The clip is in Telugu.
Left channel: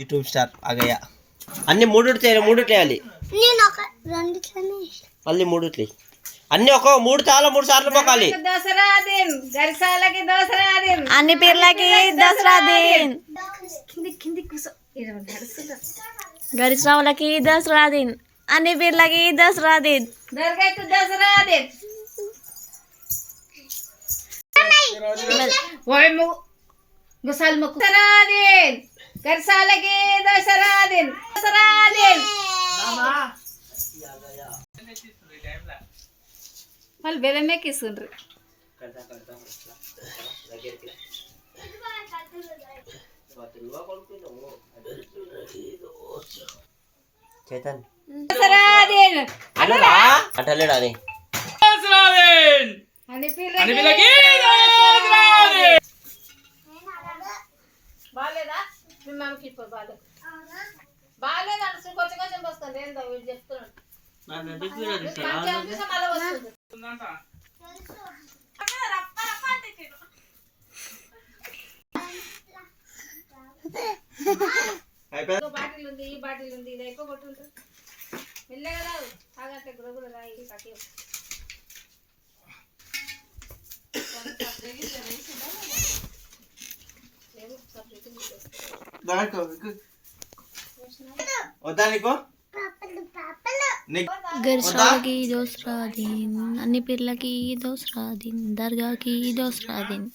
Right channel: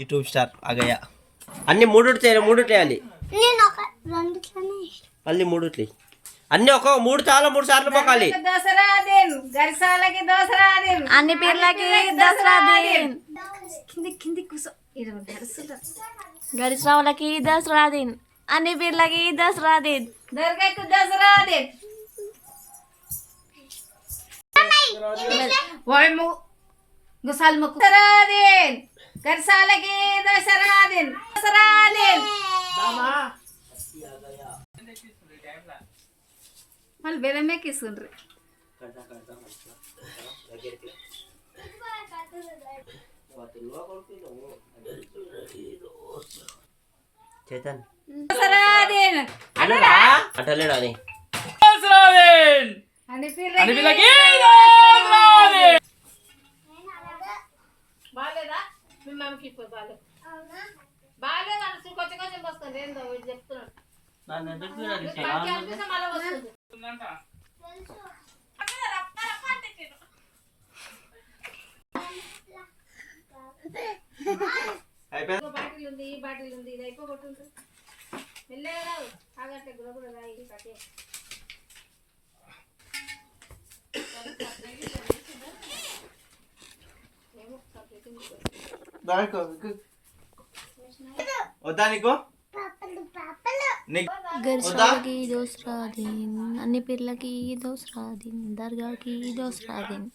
YouTube star Agaiah. అన్ని మూడుట్లేయాలి. మళ్ళీ మూడుట్లే అన్ని ఒక 3 సార్లు మొక్కాలి. దసరా దిన్ గరిసాలకి దసరా దిన్ అన్ని పీర్లకి దసరా దిన్. కింది కూసో గరిశ్రావులకి దసరా దిన్. అన్ని పీర్లకి దసరా దిన్. దర్గాకు దసరా దిన్. గుసాల్ మొక్కు దసరా దిన్ గరిసాలకి దసరా దిన్. దసరా దిన్ వాళ్ళు బెల్లమే కిస్తుండ్రు. చేతన్ అటలేడా అని బాగాలేదా మీ మమ్మకి ఇప్పుడు బాగాలేదు బాగాలేదు అంటే కొంచెం కొంచెం వస్తుంది ఏందో చెప్తున్నాడు. బాటిల్ ఉంది ఈ బాటిల్ ఉంది ఇది అయిపోగొట్టుంటారు మెల్లగా రాదు తాగట్టే గురగుర రాయి కట్టి గరిశ్రావులకి దసరా దిన్. అన్ని పీర్లకి దసరా దిన్. దర్గాకి దసరా దిన్.